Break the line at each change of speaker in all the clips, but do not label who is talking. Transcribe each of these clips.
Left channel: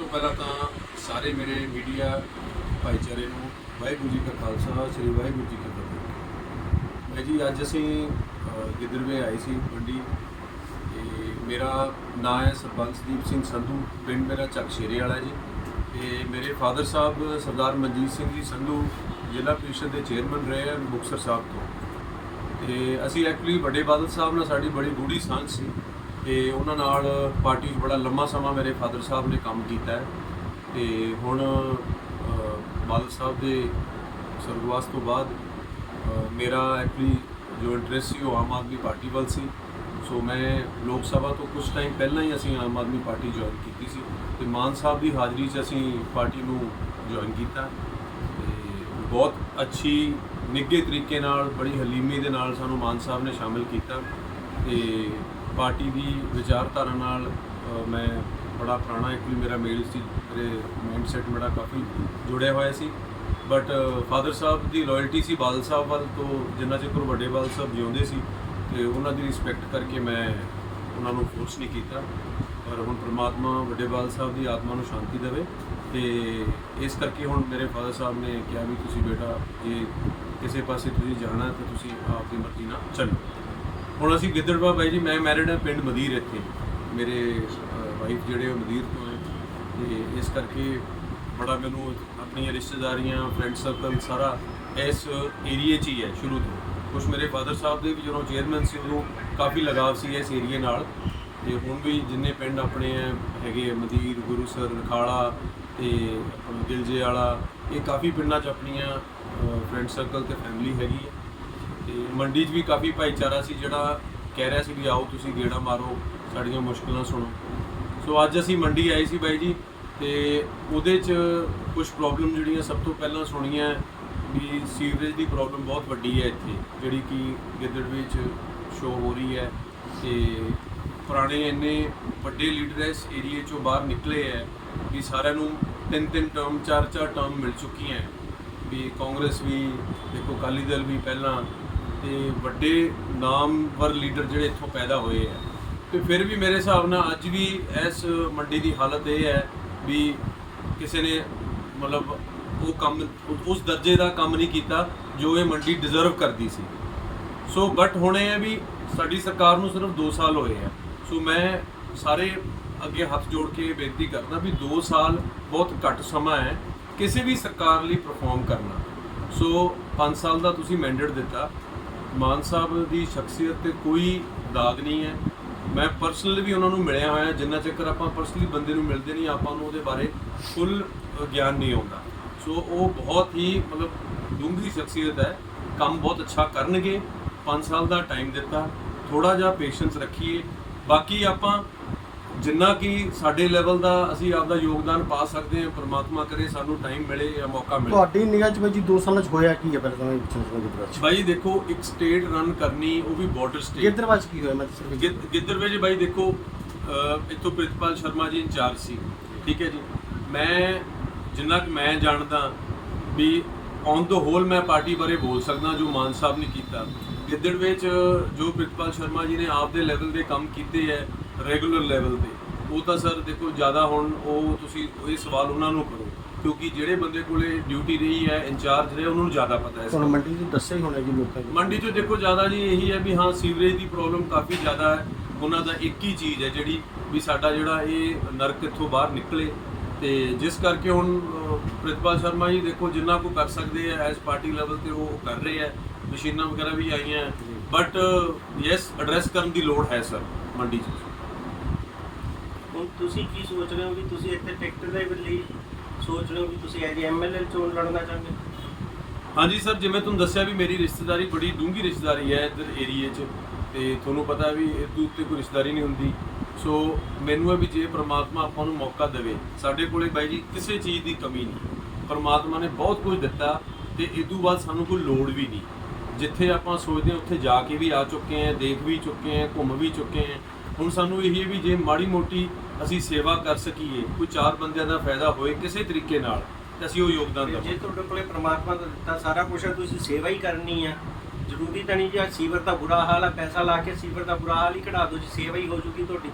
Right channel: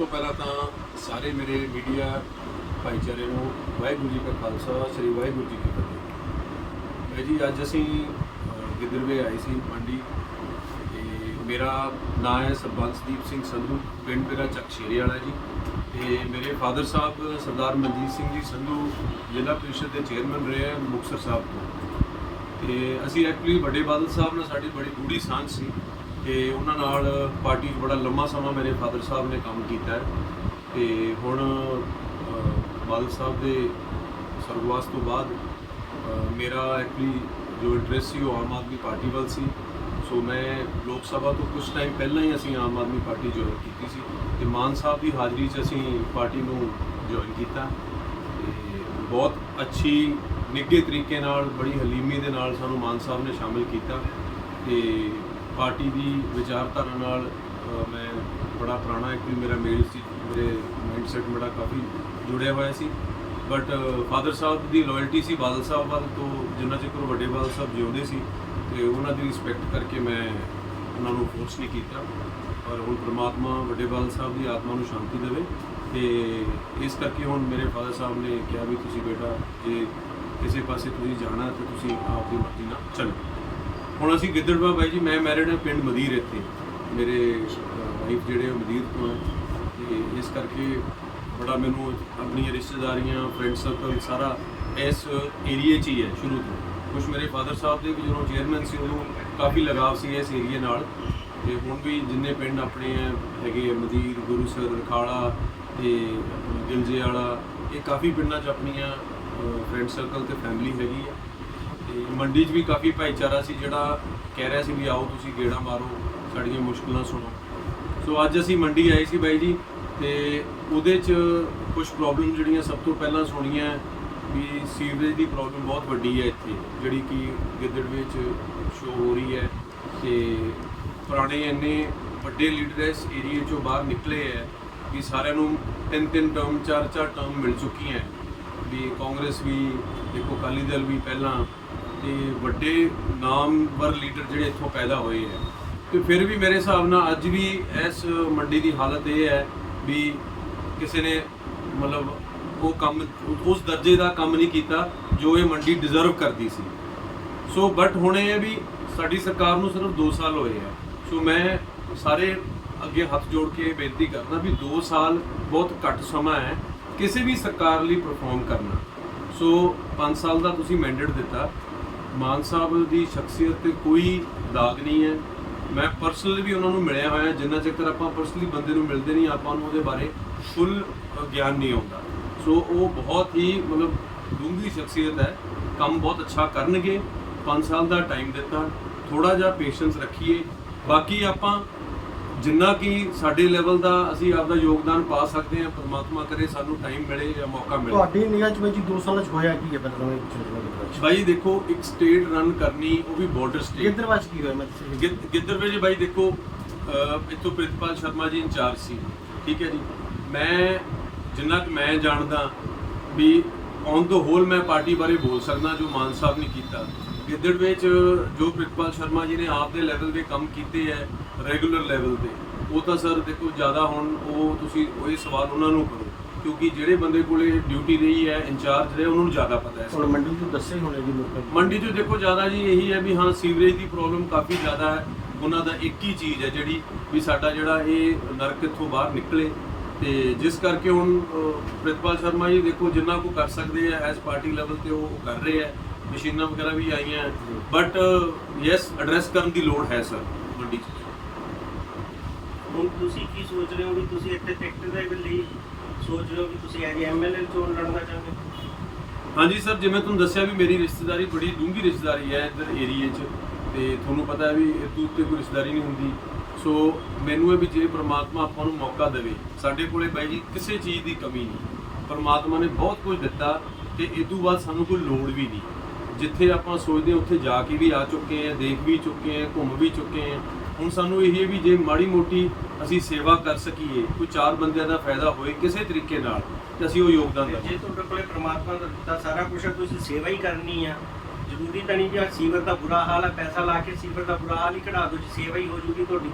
ਤੋਂ ਪਹਿਲਾਂ ਤਾਂ ਸਾਰੇ ਮੇਰੇ ਮੀਡੀਆ ਭਾਈਚਾਰੇ ਨੂੰ ਵਾਹਿਗੁਰੂ ਜੀ ਕਾ ਖਾਲਸਾ ਸ੍ਰੀ ਵਾਹਿਗੁਰੂ ਜੀ ਕੀ ਫਤਿਹ। ਮੈਂ ਜੀ ਅੱਜ ਅਸੀਂ ਅ, ਆਏ ਸੀ ਮੰਡੀ ਤੇ ਮੇਰਾ ਨਾਮ ਹੈ ਸਰਬੰਸਦੀਪ ਸਿੰਘ ਸੰਧੂ ਪਿੰਡ ਮੇਰਾ ਚੱਕਸ਼ੇਰੇ ਵਾਲਾ ਜੀ। ਤੇ ਮੇਰੇ ਫਾਦਰ ਸਾਹਿਬ ਸਰਦਾਰ ਮਨਜੀਤ ਸਿੰਘ ਜੀ ਸੰਧੂ ਜ਼ਿਲ੍ਹਾ ਪ੍ਰੀਸ਼ਦ ਦੇ ਚੇਅਰਮੈਨ ਰਹੇ ਆ ਮੁਕਤਸਰ ਸਾਹਿਬ ਤੋਂ। ਤੇ ਅਸੀਂ ਐਕਚੁਅਲੀ ਵੱਡੇ ਬਾਦਲ ਸਾਹਿਬ ਨਾਲ ਸਾਡੀ ਬੜੀ ਗੂੜੀ ਸਾਂਝ ਸੀ। ਤੇ ਉਹਨਾਂ ਨਾਲ ਪਾਰਟੀ 'ਚ ਬੜਾ ਲੰਮਾ ਸਮਾਂ ਮੇਰੇ ਫਾਦਰ ਸਾਹਿਬ ਨੇ ਕੰਮ ਕੀਤਾ ਹੈ। ਤੇ ਹੁਣ ਬਾਦਲ ਸਾਹਿਬ ਦੇ ਸਰਗਵਾਸ ਤੋਂ ਬਾਅਦ ਮੇਰਾ ਐਕਚੁਅਲੀ ਜੋ ਇੰਟਰਸਟ ਸੀ ਉਹ ਆਮ ਆਦਮੀ ਪਾਰਟੀ ਵੱਲ ਸੀ। ਸੋ ਮੈਂ ਲੋਕ ਸਭਾ ਤੋਂ ਕੁਝ ਟਾਈਮ ਪਹਿਲਾਂ ਹੀ ਅਸੀਂ ਆਮ ਆਦਮੀ ਪਾਰਟੀ ਜੁਆਇਨ ਕੀਤੀ ਸੀ। ਤੇ ਮਾਨ ਸਾਹਿਬ ਦੀ ਹਾਜ਼ਰੀ 'ਚ ਅਸੀਂ ਪਾਰਟੀ ਨੂੰ ਜੁਆਇਨ ਕੀਤਾ। ਤੇ ਬਹੁਤ ਅੱਛੀ, ਨਿੱਘੇ ਤਰੀਕੇ ਨਾਲ, ਬੜੀ ਹਲੀਮੀ ਦੇ ਨਾਲ ਸਾਨੂੰ ਮਾਨ ਸਾਹਿਬ ਨੇ ਸ਼ਾਮਿਲ ਕੀਤਾ। ਤੇ ਪਾਰਟੀ ਦੀ ਵਿਚਾਰਧਾਰਾ ਨਾਲ ਮੈਂ ਬੜਾ ਪੁਰਾਣਾ ਇੱਕ ਮੇਰਾ ਮੇਲ ਸੀ, ਮੇਰੇ ਮਾਈਂਡਸੈਟ ਮੇਰਾ ਕਾਫੀ ਜੁੜਿਆ ਹੋਇਆ ਸੀ। ਬਟ ਫਾਦਰ ਸਾਹਿਬ ਦੀ ਲਾਇਲਟੀ ਸੀ, ਬਾਦਲ ਸਾਹਿਬ ਵੱਲ ਤੋਂ ਜਿੰਨਾ ਚਿਰ ਵੱਡੇ ਬਾਦਲ ਸਾਹਿਬ ਜਿਉਂਦੇ ਸੀ, ਤੇ ਉਹਨਾਂ ਦੀ ਰਿਸਪੈਕਟ ਕਰਕੇ ਮੈਂ ਉਹਨਾਂ ਨੂੰ ਫੋਰਸ ਨਹੀਂ ਕੀਤਾ। ਔਰ ਹੁਣ ਪ੍ਰਮਾਤਮਾ ਵੱਡੇ ਬਾਦਲ ਸਾਹਿਬ ਦੀ ਆਤਮਾ ਨੂੰ ਸ਼ਾਂਤੀ ਦੇਵੇ, ਤੇ ਇਸ ਕਰਕੇ ਹੁਣ ਮੇਰੇ ਫਾਦਰ ਸਾਹਿਬ ਨੇ ਕਿਹਾ ਵੀ ਤੁਸੀਂ ਬੇਟਾ, ਜੇ ਕਿਸੇ ਪਾਸੇ ਤੁਸੀਂ ਜਾਣਾ ਤੇ ਤੁਸੀਂ ਆਪ ਦੀ ਮਰਜ਼ੀ ਨਾਲ ਚੱਲੋ। ਹੁਣ ਅਸੀਂ ਗਿੱਦੜਵਾ ਬਾਈ ਜੀ ਮੈਂ ਮੈਰਿਡ ਹਾਂ ਪਿੰਡ ਮਦੀਰ ਇੱਥੇ। ਮੇਰੇ ਵਾਈਫ ਜਿਹੜੇ ਉਹ ਮਦੀਰ ਤੋਂ ਹੈ। ਤੇ ਇਸ ਕਰਕੇ ਬੜਾ ਮੈਨੂੰ ਆਪਣੀਆਂ ਰਿਸ਼ਤੇਦਾਰੀਆਂ ਫਰੈਂਡ ਸਰਕਲ ਸਾਰਾ ਇਸ ਏਰੀਏ 'ਚ ਹੀ ਹੈ ਸ਼ੁਰੂ ਤੋਂ। ਕੁਝ ਮੇਰੇ ਫਾਦਰ ਸਾਹਿਬ ਦੇ ਵੀ ਜਦੋਂ ਚੇਅਰਮੈਨ ਸੀ ਉਦੋਂ ਕਾਫੀ ਲਗਾਵ ਸੀ ਇਸ ਏਰੀਏ ਨਾਲ। ਤੇ ਹੁਣ ਵੀ ਜਿੰਨੇ ਪਿੰਡ ਆਪਣੇ ਹੈਗੇ ਆ, ਮਦੀਰ ਗੁਰੂਸਰ ਰਖਾਲਾ ਤੇ ਆਪਣਾ ਦਿਲਜੇ ਵਾਲਾ ਇਹ ਕਾਫੀ ਪਿੰਡਾਂ 'ਚ ਆਪਣੀਆਂ ਫਰੈਂਡ ਸਰਕਲ ਤੇ ਫੈਮਿਲੀ ਹੈਗੀ ਹੈ। ਤੇ ਮੰਡੀ 'ਚ ਵੀ ਕਾਫੀ ਭਾਈਚਾਰਾ ਸੀ, ਜਿਹੜਾ ਕਹਿ ਰਿਹਾ ਸੀ ਵੀ ਆਓ ਤੁਸੀਂ ਗੇੜਾ ਮਾਰੋ, ਸਾਡੀਆਂ ਮੁਸ਼ਕਲਾਂ ਸੁਣੋ। ਸੋ ਅੱਜ ਅਸੀਂ ਮੰਡੀ ਆਏ ਸੀ ਬਾਈ ਜੀ ਤੇ ਉਹਦੇ 'ਚ ਕੁਝ ਪ੍ਰੋਬਲਮ ਜਿਹੜੀਆਂ ਸਭ ਤੋਂ ਪਹਿਲਾਂ ਸੁਣੀਆਂ ਵੀ ਸੀਵਰੇਜ ਦੀ ਪ੍ਰੋਬਲਮ ਬਹੁਤ ਵੱਡੀ ਹੈ ਇੱਥੇ, ਜਿਹੜੀ ਕਿ ਗਿੱਦੜਵੇ 'ਚ ਸ਼ੋ ਹੋ ਰਹੀ ਹੈ ਤੇ ਪੁਰਾਣੇ ਇੰਨੇ ਵੱਡੇ ਲੀਡਰ ਇਸ ਏਰੀਏ 'ਚੋਂ ਬਾਹਰ ਨਿਕਲੇ ਹੈ ਵੀ ਸਾਰਿਆਂ ਨੂੰ ਤਿੰਨ ਤਿੰਨ ਟਰਮ ਚਾਰ ਚਾਰ ਟਰਮ ਮਿਲ ਚੁੱਕੀਆਂ ਵੀ ਕਾਂਗਰਸ ਵੀ, ਦੇਖੋ ਅਕਾਲੀ ਦਲ ਵੀ ਪਹਿਲਾਂ ਤੇ ਵੱਡੇ ਨਾਮਵਰ ਲੀਡਰ ਜਿਹੜੇ ਇੱਥੋਂ ਪੈਦਾ ਹੋਏ ਹੈ। ਤੇ ਫਿਰ ਵੀ ਮੇਰੇ ਹਿਸਾਬ ਨਾਲ ਅੱਜ ਵੀ ਇਸ ਮੰਡੀ ਦੀ ਹਾਲਤ ਇਹ ਹੈ ਵੀ ਕਿਸੇ ਨੇ ਮਤਲਬ ਉਹ ਕੰਮ, ਉਸ ਦਰਜੇ ਦਾ ਕੰਮ ਨਹੀਂ ਕੀਤਾ ਜੋ ਇਹ ਮੰਡੀ ਡਿਜ਼ਰਵ ਕਰਦੀ ਸੀ। ਸੋ ਬਟ ਹੁਣ ਇਹ ਹੈ ਵੀ ਸਾਡੀ ਸਰਕਾਰ ਨੂੰ ਸਿਰਫ 2 ਸਾਲ ਹੋਏ ਆ ਸੋ ਮੈਂ ਸਾਰੇ ਅੱਗੇ ਹੱਥ ਜੋੜ ਕੇ ਇਹ ਬੇਨਤੀ ਕਰਦਾ ਵੀ 2 ਸਾਲ ਬਹੁਤ ਘੱਟ ਸਮਾਂ ਹੈ ਕਿਸੇ ਵੀ ਸਰਕਾਰ ਲਈ ਪਰਫਾਰਮ ਕਰਨਾ। ਸੋ 5 ਸਾਲ ਦਾ ਤੁਸੀਂ ਮੈਂਡੇਟ ਦਿੱਤਾ। ਮਾਨ ਸਾਹਿਬ ਦੀ ਸ਼ਖਸੀਅਤ ਤੇ ਕੋਈ ਦਾਗ ਨਹੀਂ ਹੈ। ਮੈਂ ਪਰਸਨਲੀ ਵੀ ਉਹਨਾਂ ਨੂੰ ਮਿਲਿਆ ਹੋਇਆ ਜਿੰਨਾ ਚੱਕਰ ਆਪਾਂ ਪਰਸਨਲੀ ਬੰਦੇ ਨੂੰ ਮਿਲਦੇ ਨਹੀਂ, ਆਪਾਂ ਨੂੰ ਉਹਦੇ ਬਾਰੇ ਫੁੱਲ ਗਿਆਨ ਨਹੀਂ ਆਉਂਦਾ। ਸੋ ਉਹ ਬਹੁਤ ਹੀ, ਮਤਲਬ, ਡੂੰਘੀ ਸ਼ਖਸੀਅਤ ਹੈ। ਕੰਮ ਬਹੁਤ ਅੱਛਾ ਕਰਨਗੇ। 5 ਸਾਲ ਦਾ ਟਾਈਮ ਦਿੱਤਾ। ਥੋੜਾ ਜਿਹਾ ਪੇਸ਼ੈਂਸ ਰੱਖੀਏ। ਬਾਕੀ ਆਪਾਂ ਜਿੰਨਾ ਕਿ ਸਾਡੇ ਲੈਵਲ ਦਾ ਅਸੀਂ ਆਪਦਾ ਯੋਗਦਾਨ ਪਾ ਸਕਦੇ ਹਾਂ ਪ੍ਰਮਾਤਮਾ ਕਰੇ ਸਾਨੂੰ ਟਾਈਮ ਮਿਲੇ ਜਾਂ ਮੌਕਾ ਮਿਲੇ।
ਤੁਹਾਡੀ ਨਿਗਾਹ 'ਚ ਬਾਈ ਜੀ 2 ਸਾਲਾਂ 'ਚ ਹੋਇਆ ਕੀ ਹੈ ਪਹਿਲਾਂ ਤੁਹਾਨੂੰ ਇਹ ਚੀਜ਼ ਨੂੰ
ਬਾਈ ਦੇਖੋ ਇੱਕ ਸਟੇਟ ਰਨ ਕਰਨੀ ਉਹ ਵੀ ਬਾਰਡਰ ਸਟੇਟ
ਕਿੱਧਰ ਵਿੱਚ ਕੀ ਹੋਇਆ? ਮੈਂ ਦੱਸਾਂ
ਗਿੱਦ- ਗਿੱਦੜਵੇ ਜੀ ਬਾਈ ਦੇਖੋ ਇੱਥੋਂ ਪ੍ਰਿਤਪਾਲ ਸ਼ਰਮਾ ਜੀ ਇੰਚਾਰਜ ਸੀ ਠੀਕ ਹੈ ਜੀ। ਮੈਂ ਜਿੰਨਾ ਕਿ ਮੈਂ ਜਾਣਦਾ ਵੀ ਔਨ ਦ ਹੋਲ ਮੈਂ ਪਾਰਟੀ ਬਾਰੇ ਬੋਲ ਸਕਦਾ ਜੋ ਮਾਨ ਸਾਹਿਬ ਨੇ ਕੀਤਾ। ਗਿੱਦੜਵੇ ਚ ਜੋ ਪ੍ਰਿਤਪਾਲ ਸ਼ਰਮਾ ਜੀ ਨੇ ਆਪ ਦੇ ਲੈਵਲ ਦੇ ਕੰਮ ਕੀਤੇ ਹੈ ਰੈਗੂਲਰ ਲੈਵਲ ਤੇ। ਉਹ ਤਾਂ ਸਰ ਦੇਖੋ ਜ਼ਿਆਦਾ ਹੁਣ ਉਹ ਤੁਸੀਂ ਉਹ ਇਹ ਸਵਾਲ ਉਹਨਾਂ ਨੂੰ ਕਰੋ ਕਿਉਂਕਿ ਜਿਹੜੇ ਬੰਦੇ ਕੋਲੇ ਡਿਊਟੀ ਰਹੀ ਹੈ ਇੰਚਾਰਜ ਰਹੇ ਉਹਨਾਂ ਨੂੰ ਜ਼ਿਆਦਾ ਪਤਾ ਹੈ ਇਸ ਬਾਰੇ।
ਮੰਡੀ 'ਚ ਦੱਸਿਆ ਹੀ ਹੋਣਾ ਜੀ ਲੋਕਾਂ ਨੂੰ।
ਮੰਡੀ 'ਚ ਦੇਖੋ ਜ਼ਿਆਦਾ ਜੀ ਇਹੀ ਹੈ ਵੀ ਹਾਂ ਸੀਵਰੇਜ ਦੀ ਪ੍ਰੋਬਲਮ ਕਾਫੀ ਜ਼ਿਆਦਾ ਹੈ। ਉਹਨਾਂ ਦਾ ਇੱਕ ਹੀ ਚੀਜ਼ ਹੈ ਜਿਹੜੀ ਵੀ ਸਾਡਾ ਜਿਹੜਾ ਇਹ ਨਰਕ ਇੱਥੋਂ ਬਾਹਰ ਨਿਕਲੇ। ਤੇ ਜਿਸ ਕਰਕੇ ਹੁਣ ਅਹ, ਪ੍ਰਿਤਪਾਲ ਸ਼ਰਮਾ ਜੀ ਦੇਖੋ ਜਿੰਨਾ ਕੋ ਕਰ ਸਕਦੇ ਆ ਐਸ ਪਾਰਟੀ ਲੈਵਲ ਤੇ ਉਹ ਕਰ ਰਹੇ ਆ ਮਸ਼ੀਨਾਂ ਵਗੈਰਾ ਵੀ ਆਈਆਂ। ਬਟ ਯੈਸ ਐਡਰੈਸ ਕਰਨ ਦੀ ਲੋੜ ਹੈ ਸਰ ਮੰਡੀ 'ਚ।
ਤੁਸੀਂ ਕੀ ਸੋਚ ਰਹੇ ਹੋ ਵੀ ਤੁਸੀਂ ਇੱਥੇ ਟਿਕਟ ਦੇ ਲਈ ਸੋਚ ਰਹੇ ਹੋ ਵੀ ਤੁਸੀਂ ਐਜ ਐਮਐਲਏ ਚੋਣ ਲੜਨਾ ਚਾਹੁੰਦੇ ਹੋ?
ਹਾਂਜੀ ਸਰ, ਜਿਵੇਂ ਤੁਹਾਨੂੰ ਦੱਸਿਆ ਵੀ ਮੇਰੀ ਰਿਸ਼ਤੇਦਾਰੀ ਬੜੀ ਡੂੰਘੀ ਰਿਸ਼ਤੇਦਾਰੀ ਹੈ ਇੱਧਰ ਏਰੀਏ 'ਚ ਤੇ ਤੁਹਾਨੂੰ ਪਤਾ ਹੈ ਵੀ ਇਹ ਉੱਤੇ ਕੋਈ ਰਿਸ਼ਤੇਦਾਰੀ ਨਹੀਂ ਹੁੰਦੀ। ਸੋ ਮੈਨੂੰ ਇਹ ਵੀ ਜੇ ਪ੍ਰਮਾਤਮਾ ਆਪਾਂ ਨੂੰ ਮੌਕਾ ਦੇਵੇ, ਸਾਡੇ ਕੋਲੇ ਬਾਈ ਜੀ ਕਿਸੇ ਚੀਜ਼ ਦੀ ਕਮੀ ਨਹੀਂ। ਪ੍ਰਮਾਤਮਾ ਨੇ ਬਹੁਤ ਕੁਝ ਦਿੱਤਾ ਤੇ ਇਸ ਤੋਂ ਬਾਅਦ ਸਾਨੂੰ ਕੋਈ ਲੋੜ ਵੀ ਨਹੀਂ। ਜਿੱਥੇ ਆਪਾਂ ਸੋਚਦੇ ਹਾਂ ਉੱਥੇ ਜਾ ਕੇ ਵੀ ਆ ਚੁੱਕੇ ਹਾਂ, ਦੇਖ ਵੀ ਚੁੱਕੇ ਹਾਂ, ਘੁੰਮ ਵੀ ਚੁੱਕੇ ਹਾਂ ਹੁਣ ਸਾਨੂੰ ਇਹ ਹੈ ਵੀ ਜੇ ਮਾੜੀ ਮੋਟੀ ਅਸੀਂ ਸੇਵਾ ਕਰ ਸਕੀਏ ਕੋਈ ਚਾਰ ਬੰਦਿਆਂ ਦਾ ਫਾਇਦਾ ਹੋਏ ਕਿਸੇ ਤਰੀਕੇ ਨਾਲ ਤੇ ਅਸੀਂ ਉਹ ਯੋਗਦਾਨ ਦੇਵਾਂਗੇ
ਜੇ ਤੁਹਾਡੇ ਕੋਲੇ ਪ੍ਰਮਾਤਮਾ ਦਾ ਦਿੱਤਾ ਸਾਰਾ ਕੁਝ ਹੈ ਤੁਸੀਂ ਸੇਵਾ ਹੀ ਕਰਨੀ ਆ। ਜ਼ਰੂਰੀ ਤਾਂ ਨਹੀਂ ਜੀ ਸੀਵਰ ਦਾ ਬੁਰਾ ਹਾਲ ਹੈ ਪੈਸਾ ਲਾ ਕੇ ਸੀਵਰ ਦਾ ਬੁਰਾ ਹਾਲ ਹੀ ਕਢਾ ਦਿਓ ਜੀ ਸੇਵਾ ਹੀ ਹੋ ਜੂਗੀ ਤੁਹਾਡੀ।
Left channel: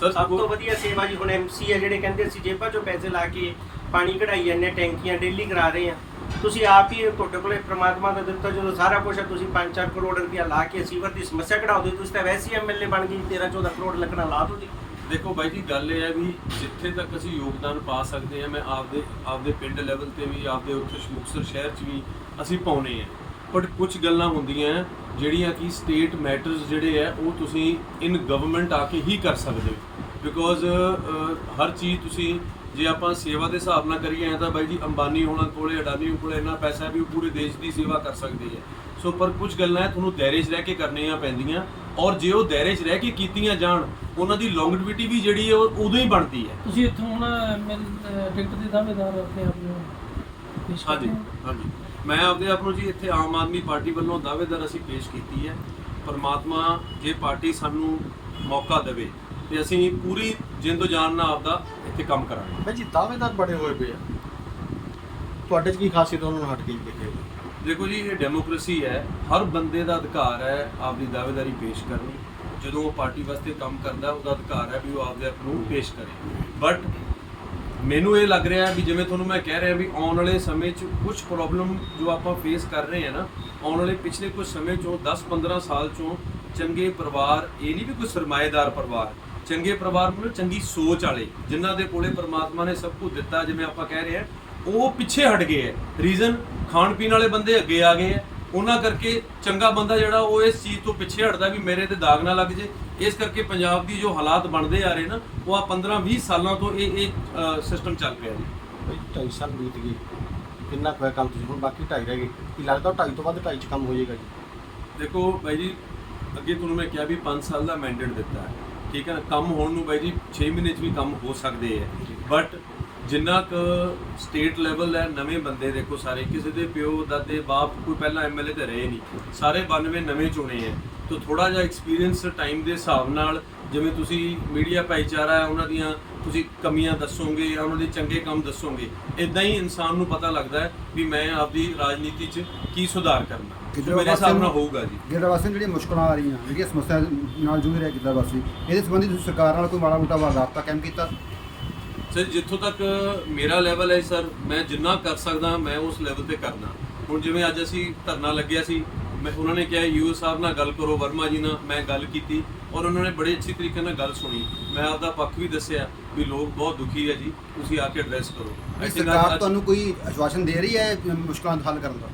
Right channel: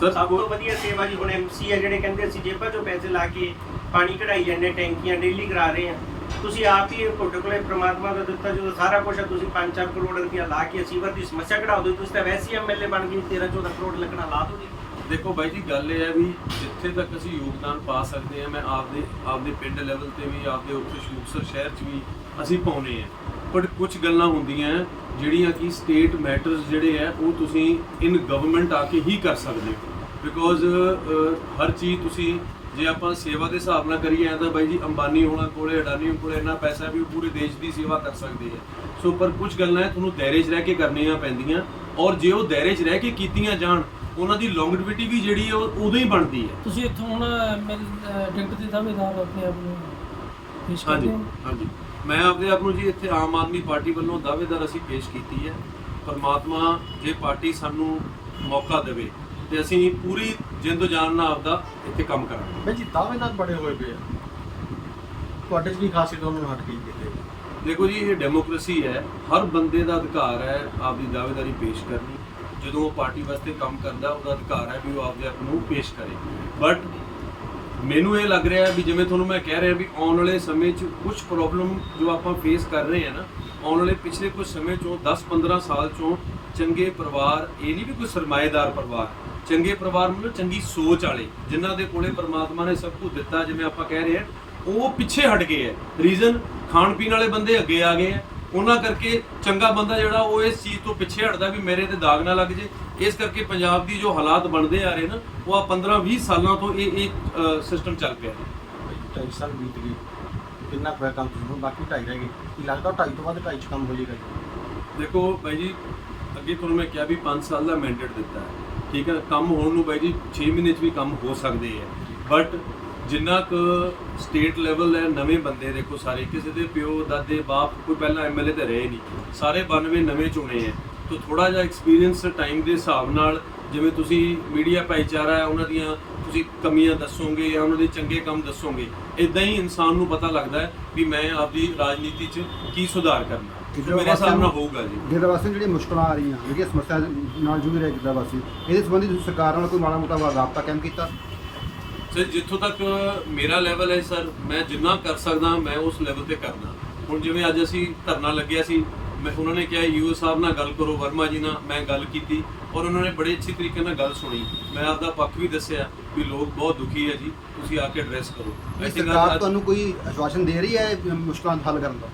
Sir,
ਸਭ ਤੋਂ ਵਧੀਆ ਸੇਵਾ ਜੀ ਹੁਣ ਐਮਸੀ ਆ ਜਿਹੜੇ ਕਹਿੰਦੇ ਅਸੀਂ ਜੇਬਾਂ 'ਚੋਂ ਪੈਸੇ ਲਾ ਕੇ ਪਾਣੀ ਕਢਾਈ ਜਾਂਦੇ ਟੈਂਕੀਆਂ ਡੇਲੀ ਕਰਾ ਰਹੇ ਆ। ਤੁਸੀਂ ਆਪ ਹੀ ਤੁਹਾਡੇ ਕੋਲੇ ਪ੍ਰਮਾਤਮਾ ਦਾ ਦਿੱਤਾ, ਜਦੋਂ ਸਾਰਾ ਕੁਝ ਤੁਸੀਂ 5-4 ਕਰੋੜ ਰੁਪਇਆ ਲਾ ਕੇ ਸੀਵਰ ਦੀ ਸਮੱਸਿਆ ਕਢਾ ਦਿਓ, ਤੁਸੀਂ ਤਾਂ ਵੈਸੇ ਹੀ ਐਮਐਲਏ ਬਣ ਗਏ 13-14 ਕਰੋੜ ਲੱਗਣਾ ਲਾ ਦੋਗੇ।
ਦੇਖੋ ਬਾਈ ਜੀ, ਗੱਲ ਇਹ ਹੈ ਵੀ ਜਿੱਥੇ ਤੱਕ ਅਸੀਂ ਯੋਗਦਾਨ ਪਾ ਸਕਦੇ ਹਾਂ, ਮੈਂ ਆਪਦੇ ਆਪਦੇ ਪਿੰਡ ਲੈਵਲ ਤੇ ਵੀ, ਆਪਦੇ ਉੱਥੇ ਮੁਕਤਸਰ ਸ਼ਹਿਰ 'ਚ ਵੀ ਅਸੀਂ ਪਾਉਨੇ ਆ ਬਟ ਕੁਝ ਗੱਲਾਂ ਹੁੰਦੀਆਂ ਜਿਹੜੀਆਂ ਕਿ ਸਟੇਟ ਮੈਟਰਸ ਜਿਹੜੇ ਆ ਉਹ ਤੁਸੀਂ ਇਨ ਗਵਰਨਮੈਂਟ ਆ ਕੇ ਹੀ ਕਰ ਸਕਦੇ ਹੋ। ਬਿਕੋਜ਼ ਹਰ ਚੀਜ਼ ਤੁਸੀਂ ਜੇ ਆਪਾਂ ਸੇਵਾ ਦੇ ਹਿਸਾਬ ਨਾਲ ਕਰੀਏ ਤਾਂ ਬਾਈ ਜੀ ਅੰਬਾਨੀ ਹੋਣਾ ਕੋਲੇ ਅਡਾਨੀ ਕੋਲੇ ਇੰਨਾ ਪੈਸਾ ਵੀ ਉਹ ਪੂਰੇ ਦੇਸ਼ ਦੀ ਸੇਵਾ ਕਰ ਸਕਦੇ ਆ ਸੋ ਪਰ ਕੁਝ ਗੱਲਾਂ ਤੁਹਾਨੂੰ ਦਾਇਰੇ 'ਚ ਰਹਿ ਕੇ ਕਰਨੀਆਂ ਪੈਂਦੀਆਂ ਔਰ ਜੇ ਉਹ ਦਾਇਰੇ 'ਚ ਰਹਿ ਕੇ ਕੀਤੀਆਂ ਜਾਣ ਉਹਨਾਂ ਦੀ ਲੌਂਗੇਟਿਵਿਟੀ ਵੀ ਜਿਹੜੀ ਹੈ ਉਹ ਉਦੋਂ ਹੀ ਬਣਦੀ ਹੈ।
ਤੁਸੀਂ ਇੱਥੋਂ ਹੁਣ ਟਿਕਟ ਦੇ ਦਾਅਵੇਦਾਰ ਆਪਣੇ ਆਪ ਨੂੰ ਪੇਸ਼
ਹਾਂਜੀ ਹਾਂਜੀ। ਮੈਂ ਆਪਦੇ ਆਪ ਨੂੰ ਜੀ ਇੱਥੇ ਆਮ ਆਦਮੀ ਪਾਰਟੀ ਵੱਲੋਂ ਦਾਅਵੇਦਾਰ ਅਸੀਂ ਪੇਸ਼ ਕੀਤੀ ਹੈ। ਪਰਮਾਤਮਾ ਜੇ ਪਾਰਟੀ ਸਾਨੂੰ ਮੌਕਾ ਦੇਵੇ ਤੇ ਅਸੀਂ ਪੂਰੀ ਜਿੰਦੋ ਜਾਨ ਨਾਲ ਆਪਦਾ ਇੱਥੇ ਕੰਮ ਕਰਾਂਗੇ।
ਮੈਂ ਜੀ ਦਾਅਵੇਦਾਰ ਬੜੇ ਹੋਏ ਪਏ ਆ। ਤੁਹਾਡੇ 'ਚ ਕੀ ਖਾਸੀਅਤ ਉਹਨੂੰ ਹਟ ਕੇ ਕਿਤੇ
ਦੇਖੋ ਜੀ ਇਹ ਡੈਮੋਕ੍ਰੇਸੀ ਹੈ ਹਰ ਬੰਦੇ ਦਾ ਅਧਿਕਾਰ ਹੈ ਆਪਦੀ ਦਾਅਵੇਦਾਰੀ ਪੇਸ਼ ਕਰਨੀ। ਜਦੋਂ ਉਹ ਪਾਰਟੀ ਵਾਸਤੇ ਕੰਮ ਕਰਦਾ ਉਹਦਾ ਅਧਿਕਾਰ ਹੈ ਵੀ ਉਹ ਆਪਦੇ ਆਪ ਨੂੰ ਪੇਸ਼ ਕਰੇ। ਬਟ ਮੈਨੂੰ ਇਹ ਲੱਗ ਰਿਹਾ ਵੀ ਜਿਵੇਂ ਤੁਹਾਨੂੰ ਮੈਂ ਕਹਿ ਰਿਹਾ ਵੀ ਆਉਣ ਵਾਲੇ ਸਮੇਂ 'ਚ ਕੁਝ ਪ੍ਰੋਬਲਮ ਜੋ ਆਪਾਂ ਫੇਸ ਕਰ ਰਹੇ ਹਾਂ ਨਾ ਆਉਣ ਵਾਲੇ ਪਿਛਲੇ ਕੁਝ ਸਮੇਂ 'ਚੋਂ 10-15 ਸਾਲ 'ਚੋਂ ਚੰਗੇ ਪਰਿਵਾਰ ਇਹ ਨਹੀਂ ਵੀ ਕੋਈ ਸਰਮਾਏਦਾਰ ਪਰਿਵਾਰ ਚੰਗੇ ਪਰਿਵਾਰ ਮਤਲਬ ਚੰਗੀ ਸੋਚ ਵਾਲੇ ਜਿਨ੍ਹਾਂ ਦੇ ਕੋਲੇ ਪ੍ਰਮਾਤਮਾ ਨੇ ਸਭ ਕੁਝ ਦਿੱਤਾ ਜਿਵੇਂ ਆਪਾਂ ਕਹਿ ਰਹੇ ਹਾਂ ਉਹ ਪਿੱਛੇ ਹਟ ਗਏ ਹੈ। ਰੀਜ਼ਨ ਖਾਣ ਪੀਣ ਵਾਲੇ ਬੰਦੇ ਅੱਗੇ ਆ ਗਏ ਹੈ। ਉਹਨਾਂ ਕਰਕੇ ਚੰਗਾ ਬੰਦਾ ਜਿਹੜਾ ਉਹ ਇਸ ਚੀਜ਼ ਤੋਂ ਪਿੱਛੇ ਹਟਦਾ ਵੀ ਮੇਰੇ ਤੇ ਦਾਗ ਨਾ ਲੱਗ ਜੇ। ਇਸ ਕਰਕੇ ਪੰਜਾਬ ਦੀ ਜੋ ਹਾਲਾਤ ਬਣਦੇ ਆ ਰਹੇ ਨਾ ਉਹ ਆ 15 20 ਸਾਲਾਂ ਤੋਂ ਇਹ ਇਹ ਸਿਸਟਮ ਚੱਲ ਪਿਆ ਜੀ।
ਢਾਈ ਸਾਲ ਬੀਤ ਗਏ। ਕਿੰਨਾ ਕੁ ਕੰਮ ਤੁਸੀਂ? ਹੁਣ ਬਾਕੀ ਢਾਈ ਰਹਿ ਗਏ। ਕੀ ਲੱਗਦਾ ਢਾਈ ਤੋਂ ਬਾਅਦ ਢਾਈ 'ਚ ਕੰਮ ਹੋ ਜਾਏਗਾ ਜੀ?
ਦੇਖੋ ਬਾਈ ਜੀ ਅੱਗੇ ਤੁਹਾਨੂੰ ਮੈਂ ਕਿਹਾ ਵੀ 5 ਸਾਲ ਦਾ ਮੈਂਡੇਟ ਦਿੱਤਾ ਹੈ। ਠੀਕ ਹੈ, ਕੰਮ ਹੋਣ ਨੂੰ ਬਾਈ ਜੀ 6 ਮਹੀਨੇ 'ਚ ਵੀ ਕੰਮ ਹੋ ਸਕਦੇ ਹੈ। ਬਟ ਜਿੰਨਾ ਕੁ ਸਟੇਟ ਲੈਵਲ ਹੈ, ਨਵੇਂ ਬੰਦੇ ਦੇਖੋ ਸਾਰੇ, ਕਿਸੇ ਦੇ ਪਿਓ, ਦਾਦੇ, ਬਾਪ ਕੋਈ ਪਹਿਲਾਂ ਐਮਐਲਏ ਤੇ ਰਹੇ ਨਹੀਂ। ਸਾਰੇ 92 ਨਵੇਂ ਚੁਣੇ ਹੈ। ਤਾਂ ਥੋੜਾ ਜਿਹਾ ਐਕਸਪੀਰੀਅੰਸ ਟਾਈਮ ਦੇ ਹਿਸਾਬ ਨਾਲ ਜਿਵੇਂ ਤੁਸੀਂ ਮੀਡੀਆ ਭਾਈਚਾਰਾ ਹੈ, ਉਹਨਾਂ ਦੀਆਂ ਤੁਸੀਂ ਕਮੀਆਂ ਦੱਸੋਗੇ ਜਾਂ ਉਹਨਾਂ ਦੇ ਚੰਗੇ ਕੰਮ ਦੱਸੋਗੇ ਇਦਾਂ ਹੀ ਇਨਸਾਨ ਨੂੰ ਪਤਾ ਲੱਗਦਾ ਹੈ ਵੀ ਮੈਂ ਆਪਦੀ ਰਾਜਨੀਤੀ 'ਚ ਕੀ ਸੁਧਾਰ ਕਰਨਾ ਮੇਰੇ ਹਿਸਾਬ ਨਾਲ ਹੋਊਗਾ ਜੀ।
ਗਿੱਦੜ ਵਾਸੀਆਂ ਜਿਹੜੀਆਂ ਮੁਸ਼ਕਲਾਂ ਆ ਰਹੀਆਂ ਜਿਹੜੀਆਂ ਸਮੱਸਿਆ ਨਾਲ ਜੂਝ ਰਿਹਾ ਗਿੱਦੜ ਵਾਸੀ ਇਹਦੇ ਸੰਬੰਧੀ ਤੁਸੀਂ ਸਰਕਾਰ ਨਾਲ ਕੋਈ ਮਾੜਾ ਮੋਟਾ ਰਾਬਤਾ ਕਾਇਮ ਕੀਤਾ?
ਸਰ ਜਿੱਥੋਂ ਤੱਕ ਮੇਰਾ ਲੈਵਲ ਹੈ ਸਰ ਮੈਂ ਜਿੰਨਾ ਕਰ ਸਕਦਾ ਮੈਂ ਉਸ ਲੈਵਲ ਤੇ ਕਰਨਾ ਹੁਣ ਜਿਵੇਂ ਅੱਜ ਅਸੀਂ ਧਰਨਾ ਲੱਗਿਆ ਸੀ ਮੈਂ ਉਹਨਾਂ ਨੇ ਕਿਹਾ ਯੂ ਸਾਹਿਬ ਨਾਲ ਗੱਲ ਕਰੋ ਵਰਮਾ ਜੀ ਨਾਲ ਮੈਂ ਗੱਲ ਕੀਤੀ ਔਰ ਉਹਨਾਂ ਨੇ ਬੜੇ ਅੱਛੀ ਤਰੀਕੇ ਨਾਲ ਗੱਲ ਸੁਣੀ। ਮੈਂ ਆਪਦਾ ਪੱਖ ਵੀ ਦੱਸਿਆ। ਵੀ ਲੋਕ ਬਹੁਤ ਦੁਖੀ ਹੈ ਜੀ ਤੁਸੀਂ ਆ ਕੇ ਐਡਰੈਸ ਕਰੋ।
ਸਰਕਾਰ ਤੁਹਾਨੂੰ ਕੋਈ ਆਸ਼ਵਾਸਨ ਦੇ ਰਹੀ ਹੈ ਇਹ ਮੁਸ਼ਕਲਾਂ ਦਾ ਹੱਲ ਕਰਨ ਦਾ?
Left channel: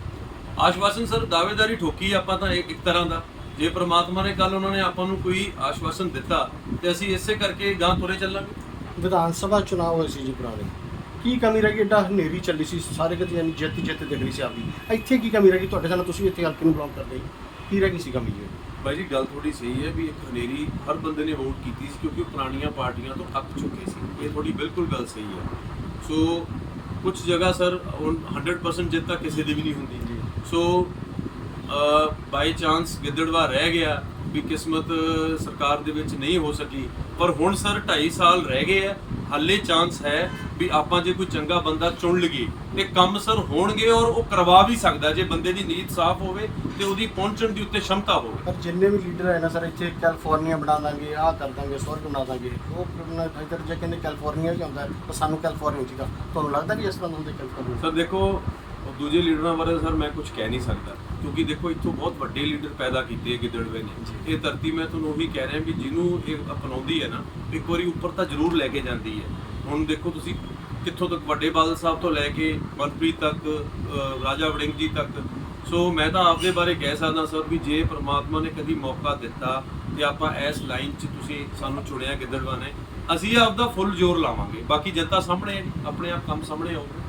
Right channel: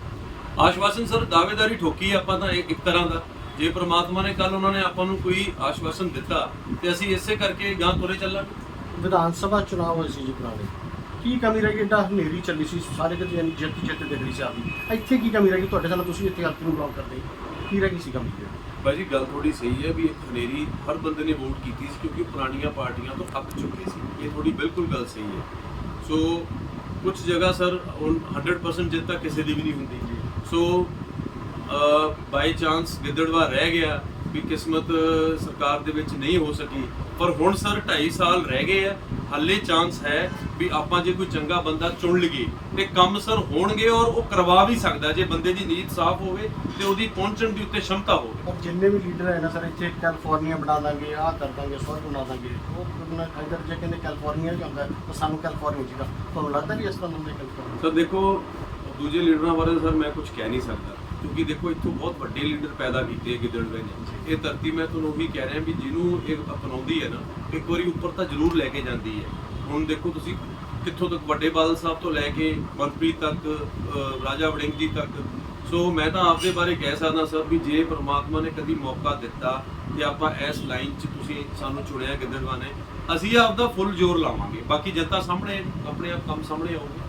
ਆਸ਼ਵਾਸਨ ਸਰ ਦਾਅਵੇਦਾਰੀ ਠੋਕੀ ਆਪਾਂ ਤਾਂ ਇੱਕ ਤਰ੍ਹਾਂ ਦਾ। ਜੇ ਪ੍ਰਮਾਤਮਾ ਨੇ ਕੱਲ ਉਹਨਾਂ ਨੇ ਆਪਾਂ ਨੂੰ ਕੋਈ ਆਸ਼ਵਾਸਨ ਦਿੱਤਾ ਤੇ ਅਸੀਂ ਇਸੇ ਕਰਕੇ ਗਾਂ ਤੁਰੇ ਚੱਲਾਂਗੇ।
ਵਿਧਾਨ ਸਭਾ ਚੁਣਾਵ ਹੋਏ ਸੀ ਜੀ ਪੁਰਾਣੇ ਕੀ ਕਮੀ ਰਹਿ ਗਈ? ਏਡਾ ਹਨੇਰੀ ਚੱਲੀ ਸੀ ਸਾਰੇ ਕਿਤੇ ਯਾਨੀ ਜਿੱਤ ਜਿੱਤ ਦਿਖ ਰਹੀ ਸੀ ਆਪਦੀ। ਇੱਥੇ ਕੀ ਕਮੀ ਰਹਿ ਗਈ? ਤੁਹਾਡੇ ਨਾਲ ਤੁਸੀਂ ਇੱਥੇ ਹਲਕੇ ਨੂੰ ਬਲੌਕ ਕਰਦੇ। ਕੀ ਰਹਿ ਗਈ ਸੀ ਕਮੀ? ਜੀ
ਬਾਈ ਜੀ ਗੱਲ ਥੋੜੀ ਸਹੀ ਹੈ ਵੀ ਇੱਕ ਹਨੇਰੀ ਹਰ ਬੰਦੇ ਨੇ ਵੋਟ ਕੀਤੀ ਸੀ ਕਿਉਂਕਿ ਉਹ ਪੁਰਾਣੀਆਂ ਪਾਰਟੀਆਂ ਤੋਂ ਅੱਕ ਚੁੱਕੇ ਸੀ। ਇਹ ਥੋੜੀ ਬਿਲਕੁਲ ਗੱਲ ਸਹੀ ਹੈ। ਸੋ ਕੁਝ ਜਗ੍ਹਾ ਸਰ ਹੁਣ 100% ਜਿੱਤ ਤਾਂ ਕਿਸੇ ਦੀ ਵੀ ਨਹੀਂ ਹੁੰਦੀ। ਸੋ ਬਾਈ ਚਾਂਸ ਗਿੱਦੜਵਾ ਰਹਿ ਗਿਆ ਵੀ ਕਿਸਮਤ ਸਰਕਾਰ ਦੇ ਵਿੱਚ ਨਹੀਂ ਹੋ ਸਕੀ। ਪਰ ਹੁਣ ਸਰ 2.5 ਸਾਲ ਰਹਿ ਗਏ ਆ ਹਾਲੇ ਚਾਂਸ ਹੈ ਵੀ ਆਪਾਂ ਜੇ ਕੋਈ ਚੰਗਾ ਬੰਦਾ ਚੁਣ ਲਈਏ ਤੇ ਕੰਮ ਸਰ ਹੋਣਗੇ ਔਰ ਉਹ ਕਰਵਾ ਵੀ ਸਕਦਾ ਜੇ ਬੰਦੇ ਦੀ ਨੀਤ ਸਾਫ਼ ਹੋਵੇ ਤੇ ਉਹਦੀ ਪਹੁੰਚਣ ਦੀ ਉੱਤੇ ਸ਼ਮਤਾ ਹੋਵੇ।
ਪਰ ਜਿੰਨੇ ਵੀ ਲੀਡਰ ਹੈ ਨਾ ਸਰ ਇੱਥੇ ਕੈਲੀਫੋਰਨੀਆ ਬਣਾ ਦਾਂਗੇ ਆਹ ਕਰ ਦਾਂਗੇ ਸਭ ਬਣਾ ਦਾਂਗੇ। ਉਹ ਆਪਣਾ ਜਿੱਧਰ ਜੇ ਕਹਿੰਦੇ ਕੈਲੀਫੋਰਨੀਆ ਵੀ ਆਉਂਦਾ ਉਹ ਸਾਨੂੰ ਕੈਲੀਫੋਰਨੀਆ ਚਾਹੀਦਾ ਤੁਹਾਨੂੰ ਲੱਗਦਾ ਵੀ ਇਸ ਤਰ੍ਹਾਂ ਹੁੰਦੇ ਕੈਲੀਫੋਰਨੀਆ
ਸਰ ਦੇਖੋ ਦੂਜੇ ਲੀਡਰਾਂ ਬਾਰੇ ਸਰ ਮੈਂ ਕੁਝ ਕਹਿ ਨਹੀਂ ਸਕਦਾ। ਕਿਉਂਕਿ ਦੇਖੋ ਇੱਥੋਂ ਬਹੁਤ ਵੱਡੇ ਲੀਡਰ ਪੈਦਾ ਕੀਤੇ ਗਿੱਦੜਵੇ ਨੇ। ਇਹ ਧਰਤੀ ਮੈਂ ਤੁਹਾਨੂੰ ਉਹੀ ਕਹਿ ਰਿਹਾ ਵੀ ਜਿਹਨੂੰ ਇਹ ਅਪਣਾਉਂਦੀ ਹੈ ਨਾ, ਇੱਕ ਵਾਰੀ ਉੱਪਰ ਤਾਂ ਜ਼ਰੂਰ ਲੈ ਕੇ ਜਾਂਦੀ ਹੈ। ਹੁਣ ਦੇਖੋ ਤੁਸੀਂ ਕਿੱਥੋਂ ਤੱਕ ਵੱਡੇ ਬਾਦਲ ਸਾਹਿਬ ਤੋਂ ਲੈ ਕੇ ਮਨਪ੍ਰੀਤ ਤੱਕ ਰਾਜਾ ਵੜਿੰਗ ਜੀ ਤੱਕ। ਸੋ ਮੈਂ ਤਾਂ ਆਪਦੇ ਬਾਰੇ ਕਹਿ ਸਕਦਾ ਸਰ ਵੀ ਜੇ ਪ੍ਰਮਾਤਮਾ ਨੇ ਕਦੀ ਮੌਕਾ ਦਿੱਤਾ ਤੇ ਆਪਾਂ ਇਸ ਲਾਈਨ 'ਚ ਤੁਸੀਂ ਸਾਨੂੰ ਚੁਣਿਆ ਗਿੱਦੜਵਾ ਨੇ, ਅਸੀਂ ਆਪਦਾ ਫੁੱਲ ਜ਼ੋਰ ਲਾਵਾਂਗੇ। ਬਾਕੀ ਜਨਤਾ ਸਾਹਮਣੇ, ਆਪਣੇ ਆਪ ਕੰਮ ਸਾਹਮਣੇ ਆਊਗਾ।